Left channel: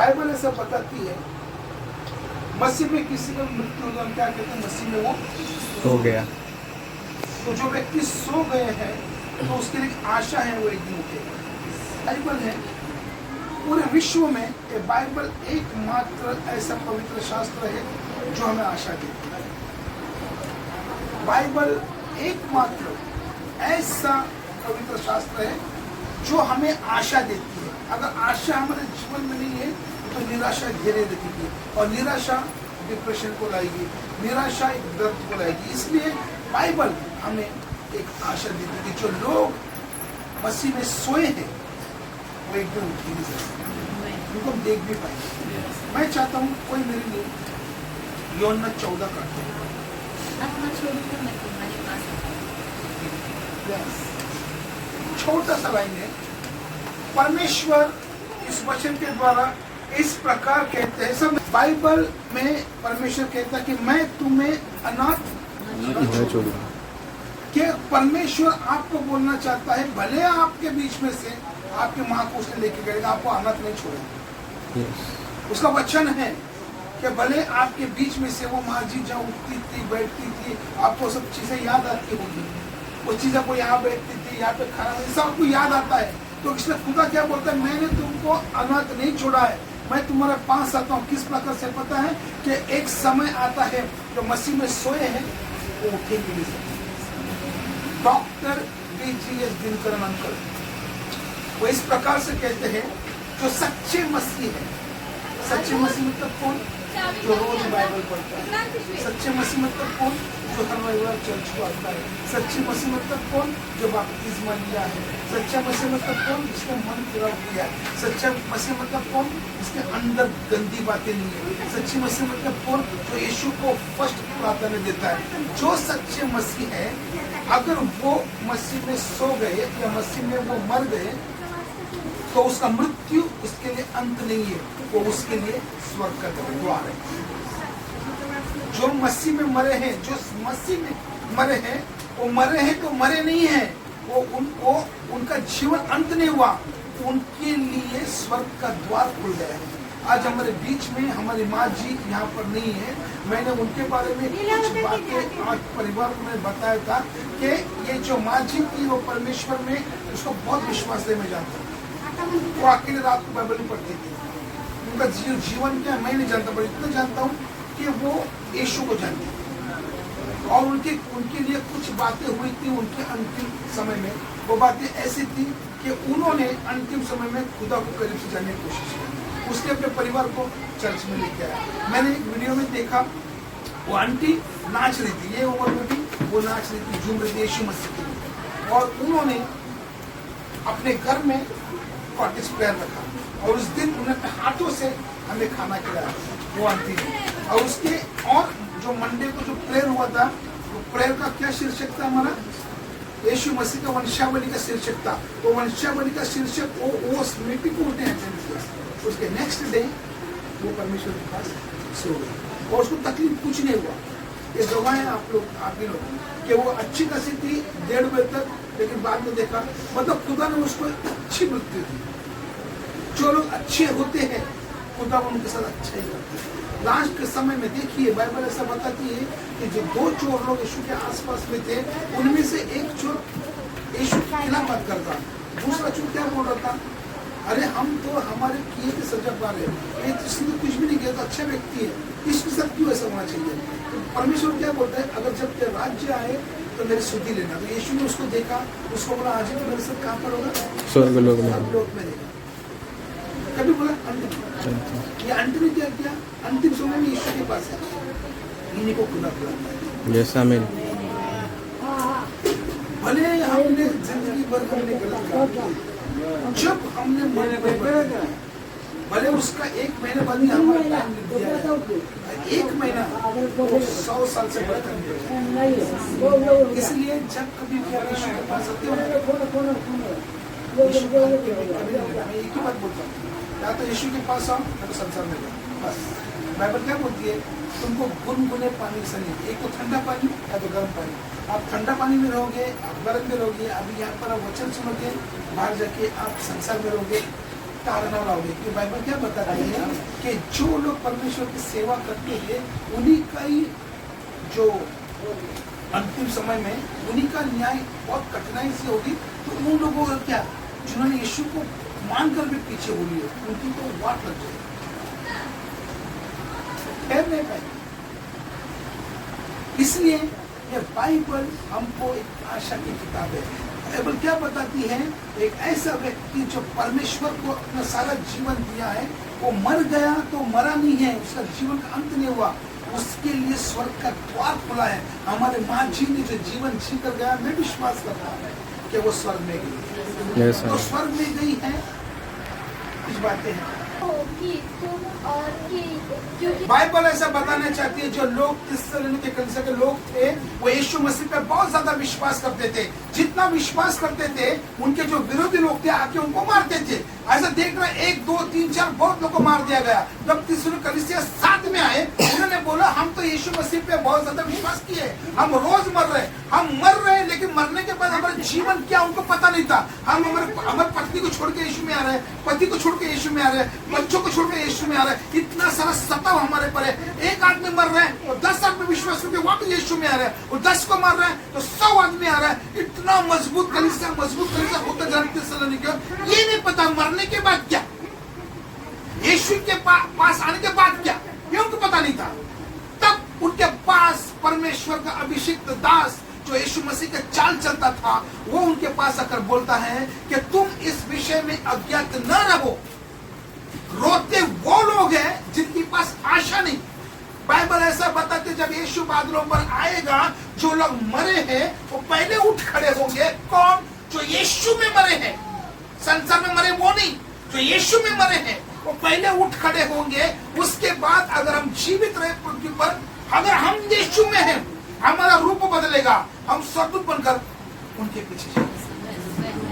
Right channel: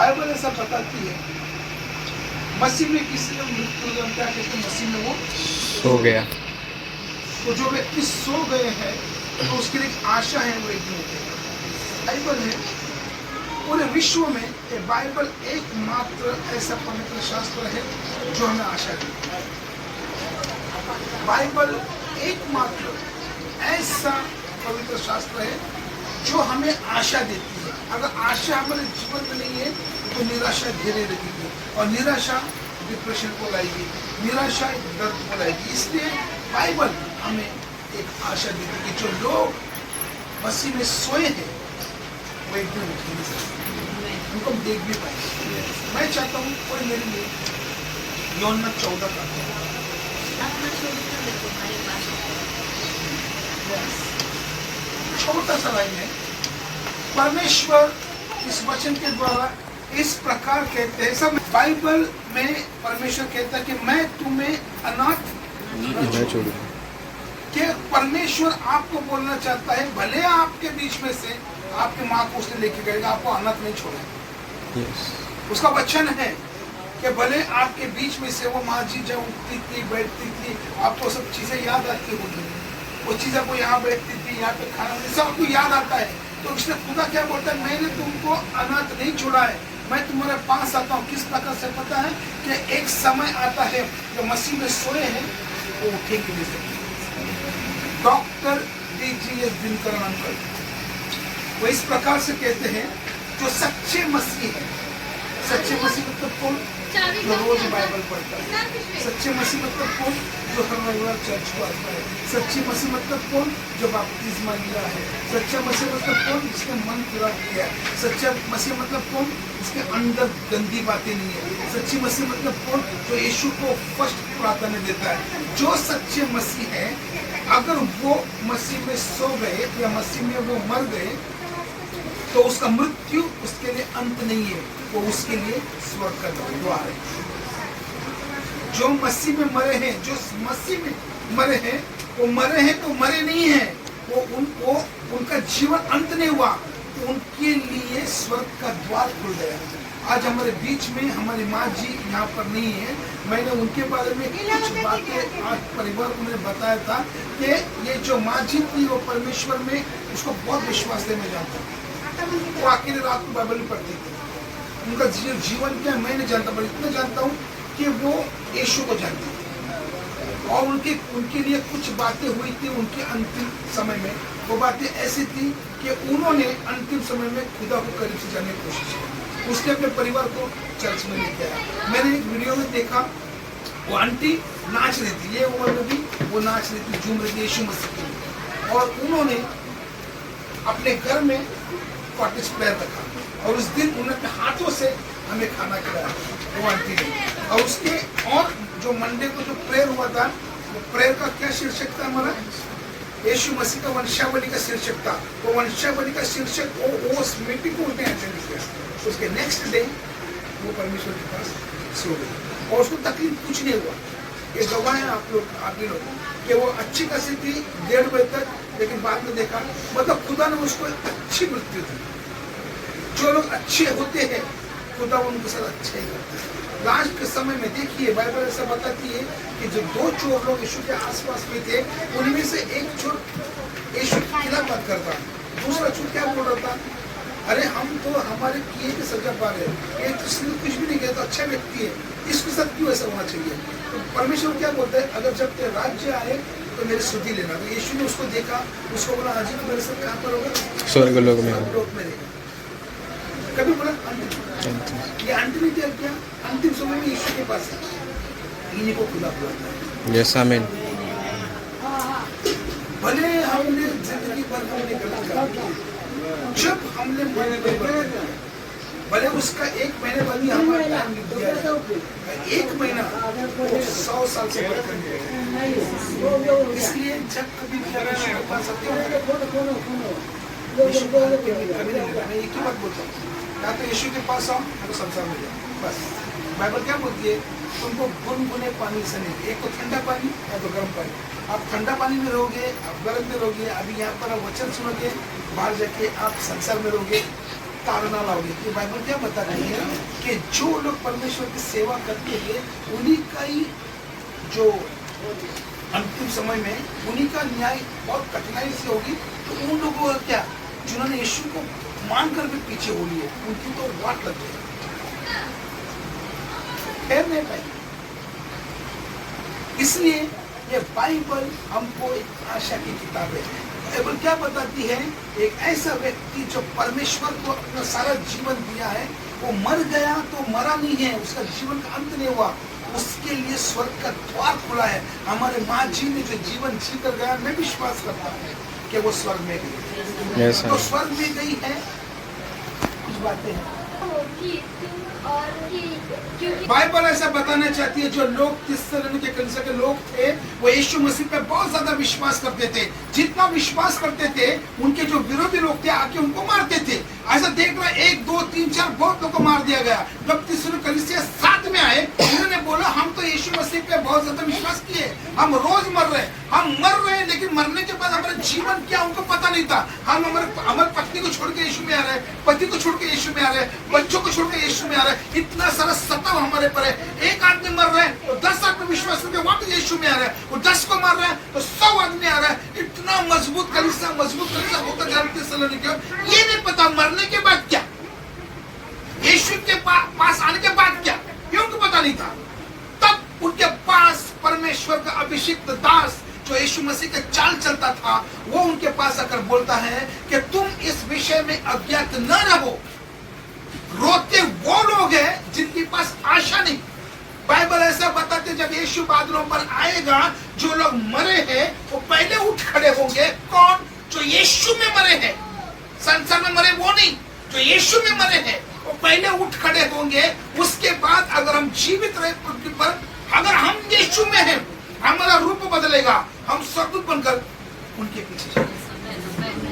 Bible ऐसा बताती है मसीह में किसी का मृत्यु हो क्या कहते हैं, मसीह में वो हो गया। तो जो व्यक्ति सो गए हैं तो उसके लिए एक आशा है, वो एक दिन उठेगा। बाइबल है पूरे विश्व में, ये बाइबल एकमात्र ऐसा पवित्र शास्त्र है जो हमें आशा देती है। बाइबल एकमात्र ऐसा पवित्र शास्त्र है जो हमें आशा देती है। अगर आशा हमारे जीवन में नहीं है तो निराशा घेरे रहेगी, और निराशा डिप्रेशन को लाएगी, निराशा एक दर्द को लाएगी। इसलिए बाइबल हमें एक आशा देती है कि जो लोग मसीह में सोए हैं वो एक दिन उठेंगे, उनको हम देख भी पाएंगे। मैं चाहता हूँ कोई मेरे लिए यूहन्ना 14 का छोटा सा लाइन है। परमेश्वर इस वचन के द्वारा इस प्रकार कहते हैं, सब बाइबल में परमेश्वर कहता है कि मैं तुम्हें अनाथ न छोड़ूंगा। कि परमेश्वर आपको बोलना चाहता है भले आपके बीच में से आपकी माँ को उसने लेके गएगा, आपको अनाथ नहीं छोड़ेगा। उसका वचन है कि भले आपके बीच में से वो माँ जी जहाँ उठती थी बैठती थी, आपको सब चीजें याद आती होगी, वो चीजें को यहाँ बैठती थी, यहाँ पे खाना सब आपको याद आता है। तो इसलिए खुदा क्या बोलता है, मैंने तुमको अनाथ नहीं छोड़ा है, मैं तुम्हारे पास आता हूँ। किस प्रकार से पता है कि एक समय आता है जो मसीह में सोए हैं वो उठेंगे नहीं। Doctor D.G.S. दिनकरन अंकल वो इस प्रकार से कहते हैं, जो सच्चे मसीह है, सच्चे मसीह मतलब कौन, जो रोज बाइबल पढ़ता है। सच्चे मसीह मतलब कौन, जो हर रविवार चर्च को आता है। सच्चे मसीह मतलब कौन, जो बपतिस्मा लिया है। सच्चा मसीह मतलब कौन, जिसने मन पूरा किया है। सच्चा मसीह मतलब कौन, जिसके अंदर गंदी बातें नहीं है। सच्ची मसीह मतलब कौन, जो यीशु को फर्स्ट प्रार्थना देता है। जो सच्चे मसीह है, अगर वो मसीह में सो गए या मसीह में वो मर गए तो उसका मृत्यु उसके लिए अंत नहीं है, वो उसके लिए स्वर्ग का द्वार है। जो मसीह में मरे हैं, जो मसीह में मरे हैं, वो मरे हैं तो मरे नहीं हैं, वो उनका जीवन अंत नहीं हुआ, उनके लिए स्वर्ग का द्वार खुल गया है। आज हमारे बीच में हमारी माँ जी यहाँ पर नहीं है। मैंने उनके बारे में कुछ बातें आज परिवार को मैंने बताया था कि ये जो माँ जी थी वो परमेश्वर में उसको बहुत विश्वास है। मैं जानता हूँ वो अकेले रात को बाइबल पढ़ती थी। उनका जीवन क्या मैं नहीं जानता, पर इतना जानता हूँ कि वो यीशु को जानती थी, और उनके लिए कुछ बातें हुई थी उनके अंतिम समय में। वो बातें ऐसी थी कि उन्होंने अंतिम समय में खुदा को करीब से जानने की कोशिश की। उसने अपने परिवार को चर्च में लेके आया। मैंने एक वीडियो में देखा वो आंटी नाच रही थी, ये उम्र में भी वो नाच रही थी, झूम रही थी यीशु मसीह के लिए। और उन्होंने अपने घर में कॉटेज प्रेयर रखा, और उस दिन उन्होंने हाथों से हमें खाना खिलाया वो आंटी ने। और उसके और जो मंडे को जो प्रेयर हुआ था, वो प्रेयर का क्या शीर्षक था हमारा, यीशु मसीह का वंशावली का शीर्षक था। वो वंशावली का शीर्षक वो मीटिंग को उन्होंने अटेंड किया। उसके नेक्स्ट डे वो परमेश्वर के पास सो गई, और उसको तकलीफ कुछ नहीं हुआ। ये गवाह है आप भी लोग कि वो अच्छी खासी थी 1:30 बजे तक, लेकिन बाद में देखा मतलब खुदा ने उसको अच्छी मृत्यु दी। जो लोग अच्छे होते हैं खुदा उनके साथ अच्छा ही करते हैं। लास्ट के समय में देखिए बाइबल ऐसा बताती है कि जो 2 चोर लोग यीशु के आसपास में थे, उनमें से एक चोर यीशु के खिलाफ बात करता, दूसरा चोर क्या बोल रहा था, अरे हम तो हमारे किए की सजा पा रहे हैं, ये तो सिर्फ कुछ भी नहीं किया, तो अच्छा व्यक्ति है, इसके साथ क्यों ऐसा होना चाहिए। तो परमेश्वर क्या बोलता है, अगर जब तेरा राज्य आए तो मेरी सुधि लेना। तो यीशु ने उसको देखा, उसको बोला आज तो मेरे साथ कहाँ पर होगा, स्वर्ग लोक में रहेगा। कभी बोला ये आंटी ने क्या किया, अंतिम समय में यीशु के पास इन्हीं को खुदा बुलाता है। यस आमीन। भले हमने जिंदगी भर हमने गलत काम, जब हमने मन परिवर्तन, भले उसका 1 महीने बाद ही हमारा टाइम लिख दिया है, 1 महीना 100 साल से बढ़कर है। इसलिए जब कभी भी आप यीशु के पास आते हो, एक ही बात बोलता हूँ, या तो यीशु के पास आओ या तो संसार में जाओ। बस बाइबल क्या बोलती है, तुमको गुनगुने पानी से नहीं, एक तो ठंडा पानी या तो गर्म पानी। आप ठंडा पानी में रहोगे, आप गर्म में रहोगे, अभी यहाँ पर वचन सुनोगे, बाहर जाके आप संसार में रहोगे, ताड़ना लाओगे। तो बाइबल क्या बता रही है कि जो लोग परमेश्वर की सेवा करते हैं उन्हीं का ही जो अंतिम समय में उन्हीं का न्याय बहुत कठिनाई से होगी। तो उन लोगों को क्या, जिन्होंने यीशु को मान कर भी पीछे हो लिए, उनकी तो वाट लग गई, फिर नहीं पाएगी। इसलिए ये बाइबल हमको एक आशा की किताब है। बाइबल क्या बताती है, एक ऐसा व्यक्ति जो परमेश्वर को अपना सारा जीवन दिया है, वो मर गया तो मरा नहीं है, उसका जीवन का अंत नहीं हुआ, उसके लिए स्वर्ग का द्वार खुला है। हमारे माँ जी ने जो जीवन जी कर गया, मैं विश्वास करता हूँ कि वो स्वर्ग में गई। Yes, तो sir. स्वर्ग में गई है, कुछ बातें हैं। बाइबल ऐसा बताना चाहती है, जो लोग किस तरह के कलीसिया के लोग थे, वो यीशु मसीह पे बहुत ज्यादा विश्वास करते थे। जितना विश्वास करते थे, उनके जो विरोधी लोग थे आके उनको मारते थे। ऐसा देख रहे 1 2 3 4 बहुत लोग को मार दिया गया। जब तीसरे कलीसिया साथ में आए, उन्होंने बोला हम तो यीशु मसीह पे बहुत ज्यादा विश्वास किए, हम रोज मर रहे, लेकिन मरने के बाद हमारा जीवन क्या उनको पता नहीं था। हम हमारे पत्नी को छोड़ के यीशु में आ रहे हैं, पति को छोड़ के यीशु में आ रहे हैं, बच्चों को छोड़ के यीशु में आ रहे हैं। इतना सारा सताव हमारे पर है। एक आदमी मर रहे हैं तो 10 आदमी विश्वास करके वापस यीशु में आ रहे हैं, और 10 को मार रहे हैं तो 100 आदमी आ रहा है। इतना मजबूत कलीसिया होता जा रहा है। ये नहीं पता मरने के बाद क्या, यीशु के पास आने के बाद क्या, ये उनको पता नहीं था। तब उनके पास परमेश्वर का अभिषिक्त दास जो यीशु मसीह का चाल चलता था, वो उनके पास आकर बोलता है कि तुम इस विषय में अज्ञात न रहो। रोते वो लोग हैं जिनके पास आशा नहीं। बाइबल ऐसा बताते जब यीशु बादलों पर आएगा, जो लोग मरे हैं वो पहले उठ खड़े होंगे। कौन? जो यीशु में मरे हैं, संसार में मरे वो नहीं, जो यीशु में मरे हैं वो पहले उठ खड़े होंगे। उसके बाद अगर हम जीवित रहे पृथ्वी पर, अगर हम यीशु में हैं, हमारा रूप बदलेगा, हम स्वर्गदूत बनकर उनके पीछे चलेंगे।